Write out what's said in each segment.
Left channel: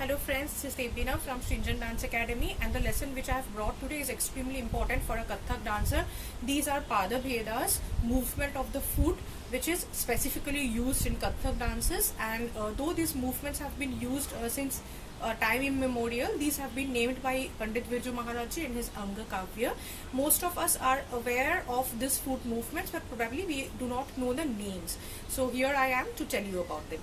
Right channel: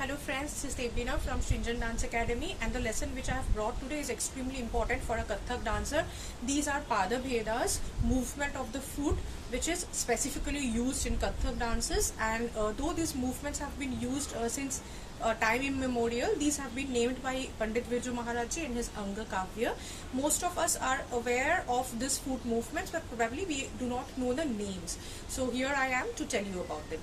Hello friends, this is Devina from Stringent Dance Academy, and the lesson which I have brought today is extremely important for a Kathak dancer. These are Pada Bhedas, movement of the foot, which is specifically used in Kathak dances, and though these movements have been used since time immemorial, these have been named by Pandit Birju Maharaj Ji in his Anga Kavya. Most of us are aware of this foot movements, but probably we do not know the names. So here I am to tell you about them.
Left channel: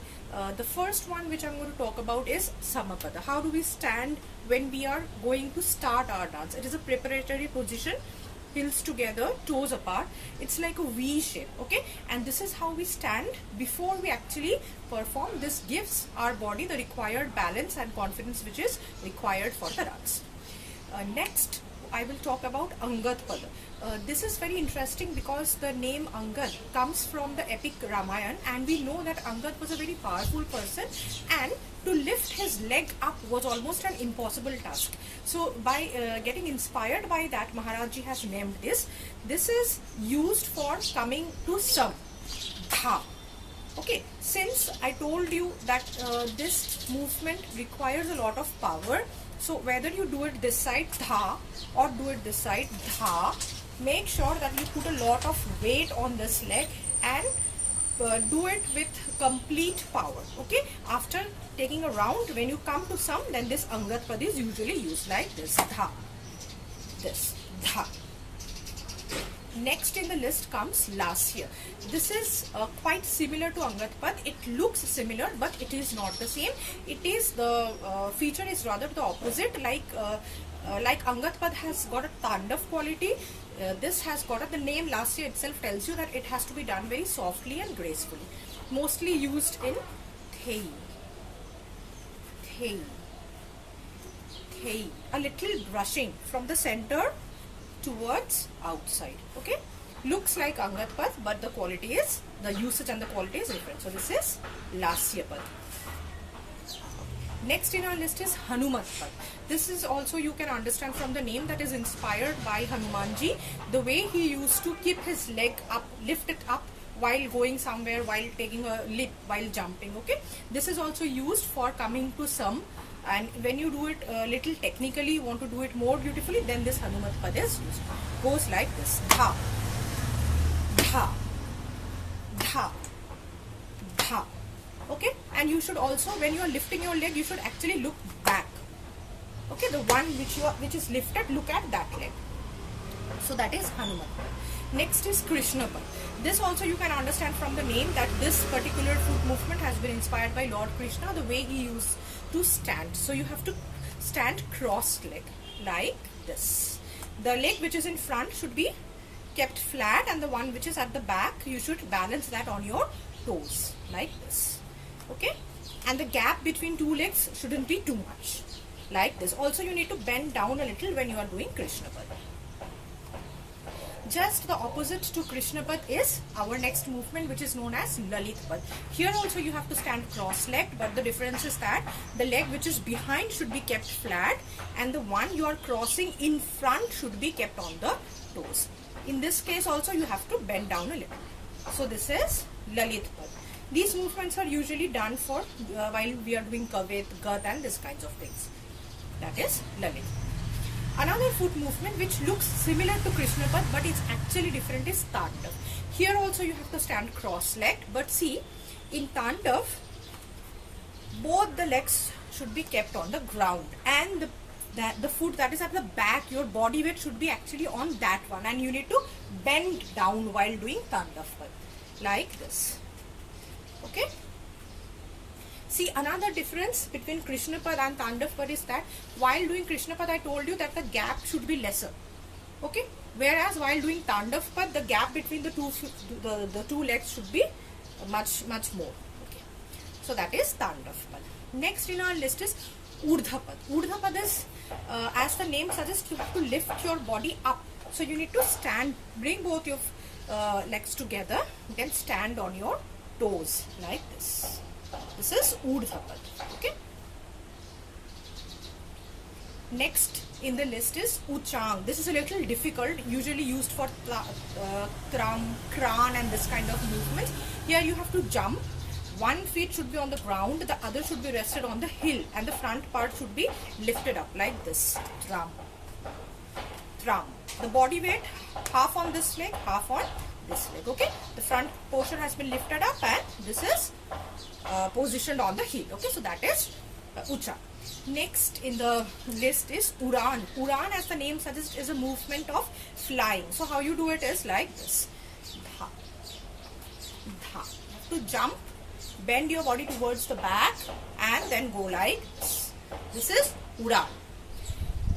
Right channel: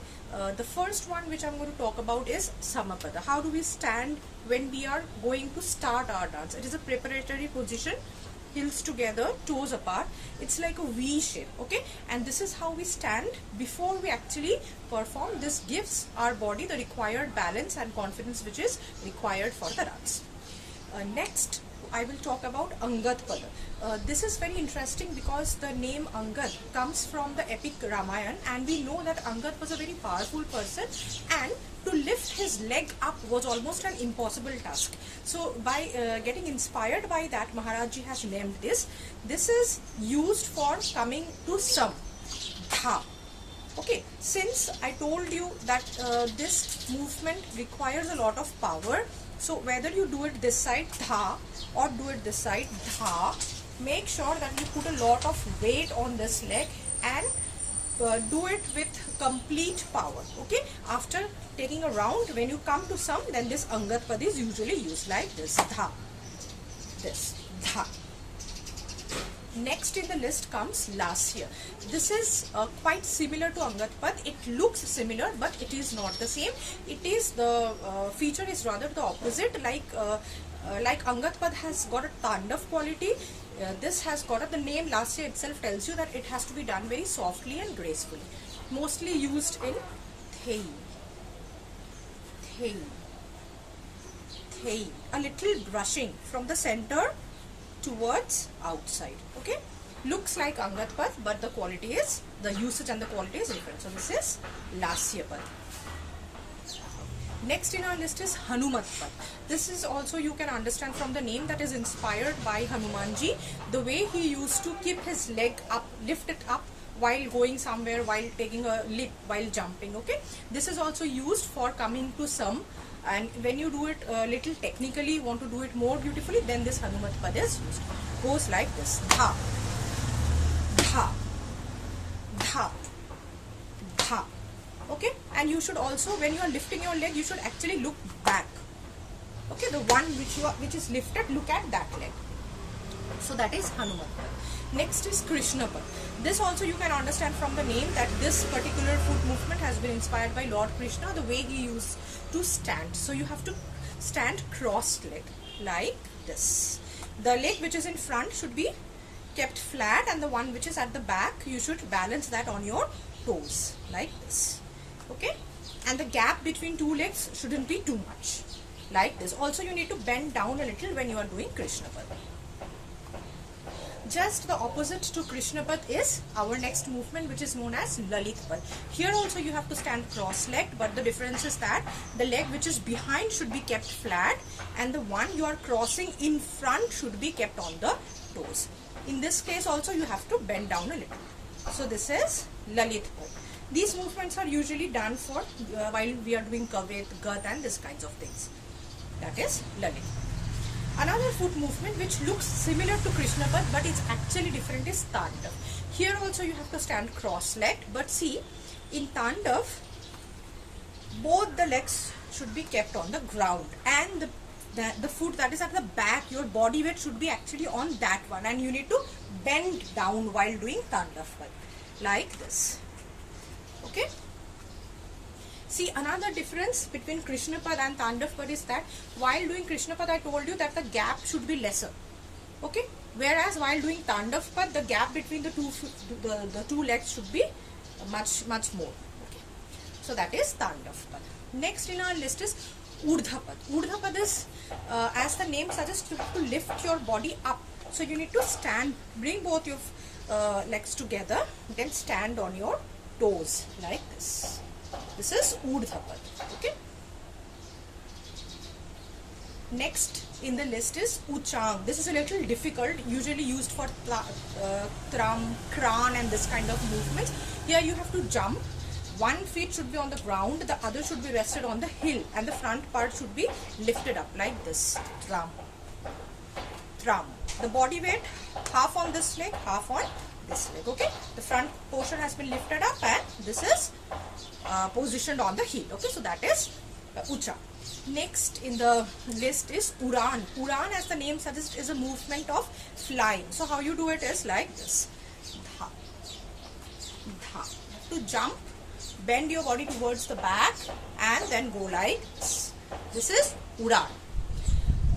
The first one which I'm going to talk about is Samapada. How do we stand when we are going to start our dance? It is a preparatory position, heels together, toes apart. It's like a V shape, okay? And this is how we stand before we actually perform. This gives our body the required balance and confidence which is required for the dance. Next, I will talk about Angad Pada. This is very interesting because the name Angad comes from the epic Ramayana, and we know that Angad was a very powerful person, and to lift his leg up was almost an impossible task. So by getting inspired by that, Maharaj Ji has named this. This is used for coming to some dha. Okay, since I told you that this movement requires a lot of power, so whether you do it this side dha or do it this side dha, make sure that you put a lot of weight on this leg and do it with complete power. Okay, after taking a round, when you come to some, then this Angad Pad is usually used like this dha, this dha. Next in the list comes Lasya. This is quite similar to Angad Pad. It looks similar, but it is not the same. It is the feature is rather the opposite. Like Angad Pad has got a Tandav quality. This has got the name Lasya itself tells you that it has to be done very softly and gracefully. Mostly used in Thei. A little brushing from the center towards outside. Okay, looks like Angad Pad, but the quality is, the usage and the quality is different. So this is Lasya Pad. Next in our list is Hanumat Pad. This is also, you can understand from the name, that is inspired by Hanumanji. The way he used to keep his leg up, lift it up while going somewhere, while taking a leap, while jumping. Okay, this is also used for coming to some. And when you do it little technically, want to do it more beautifully, then this Hanumat Pad is used. Goes like this: dha, dha, dha, dha. Okay, and you should also, when you are lifting your leg, you should actually look back. Okay, the one which is lifted, look at that leg. So that is Hanumat Pad. Next is Krishna Pad. This also you can understand from the name that this particular foot movement has been inspired by Lord Krishna, the way he used to stand. So you have to stand crossed leg like this. The leg which is in front should be kept flat, and the one which is at the back, you should balance that on your toes like this. Okay, and the gap between two legs shouldn't be too much, like this. Also you need to bend down a little when you are doing Krishna Pad. Just the opposite to Krishna Pad is our next movement, which is known as Lalit Pad. Here also you have to stand cross-legged, but the difference is that the leg which is behind should be kept flat, and the one you are crossing in front should be kept on the toes. In this case also you have to bend down a little. So this is Lalit Pad. These movements are usually done for while we are doing Kavet, Gat and this kinds of things. That is Lalit. Another foot movement which looks similar to Krishna Pad but it's actually different is Tandav. Here also you have to stand cross-legged, but see, in Tandav, both the legs should be kept on the ground, and the foot that is at the back, your body weight should be actually on that one, and you need to bend down while doing Tandav Pad like this. Okay. See, another difference between Krishna Pad and Tandav Pad is that while doing Krishna Pad, I told you that the gap should be lesser. Okay, whereas while doing Tandav Pad, the gap between the two legs should be much more. Okay, so that is Tandav Pad. Next in our list is Urdhva Pad. Urdhva Pad is, as the name suggests, you have to lift your body up. So you need to stand, bring both your legs together, then stand on your toes like this. This is Urdhva Pad. Okay. Next in the list is Uchang. This is a little difficult, usually used for Kran and this kind of movements. Here you have to jump one feet should be on the ground, the other should be rested on the heel, and the front part should be lifted up like this. Thrum. Thrum. The body weight, half on this leg, half on this leg. Okay, the front portion has been lifted up and this is positioned on the heel. Okay, so that is Ucha. Next in the list is Uran. Uran, as the name suggests, is a movement of flying. So how you do it is like this. Dha. Dha. To jump, bend your body towards the back and then go like this. This is Uran.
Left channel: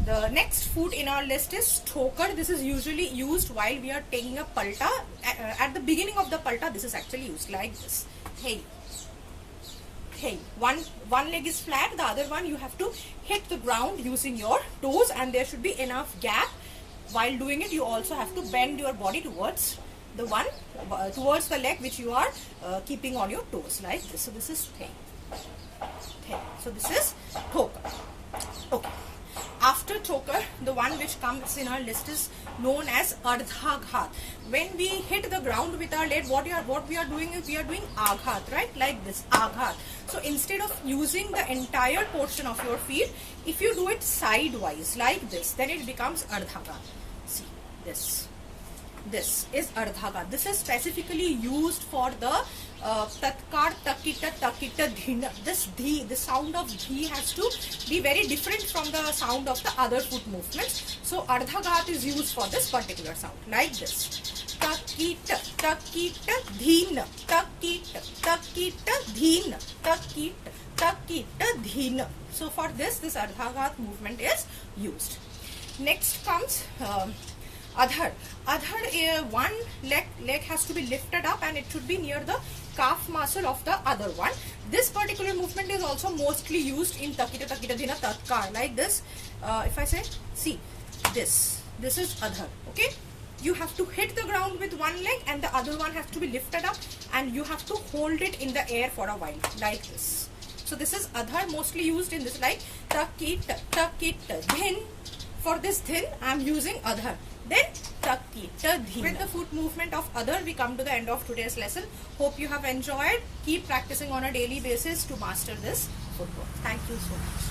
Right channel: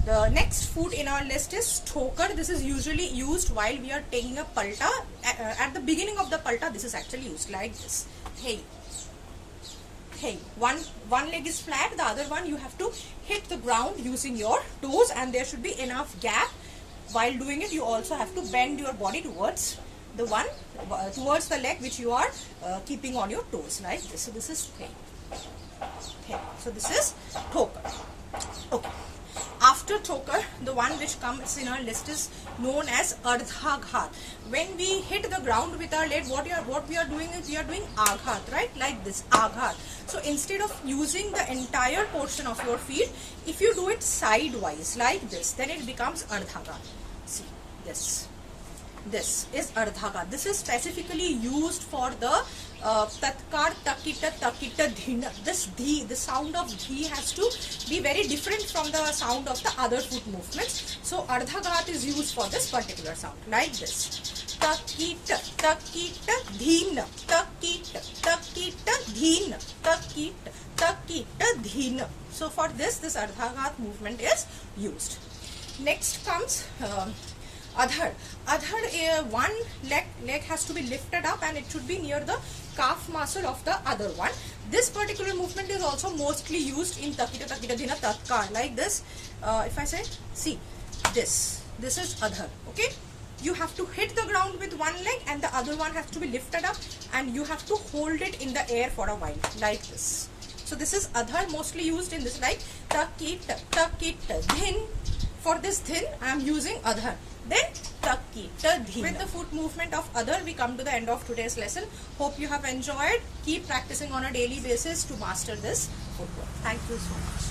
The next foot in our list is Thokar. This is usually used while we are taking a palta. At the beginning of the palta, this is actually used like this. Hey. Hey. One leg is flat, the other one you have to hit the ground using your toes, and there should be enough gap. While doing it, you also have to bend your body towards the leg which you are keeping on your toes like this. So this is Hey. Hey. So this is Thokar. Okay. After Thokar, the one which comes in our list is known as Ardha Ghat. When we hit the ground with our leg, what we are doing is we are doing Aghat, right? Like this, Aghat. So instead of using the entire portion of your feet, if you do it sidewise like this, then it becomes Ardha Ghat. See, this is Ardha Ghat. This is specifically used for the Tatkar, Takita, Takita, Dhina. This the sound of dhi has to be very different from the sound of the other foot movements. So Ardha Ghat is used for this particular sound, like this. Takita, Takita, Dhina, Takita, Takita, Dhina, Takita, Takita, Dhina. So for this Ardha Ghat movement is used. Next comes Adhar. Adhar, one leg has to be lifted up and it should be near the calf muscle of the other one. This particular movement is also mostly used in Takita, Takita, Dhina, Tatkar. Like this, if I say, see, this is Adhar. Okay, you have to hit the ground with one leg and the other one has to be lifted up and you have to hold it in the air for a while, like this. So this is Adhar, mostly used in this, like Takita, Takita, Dhin. For this Dhin, I am using Adhar. Then Takita, Dhina. With the foot movement of Adhar, we come to the end of today's lesson. Hope you have enjoyed. Keep practicing on a daily basis to master this footwork. Thank you so much.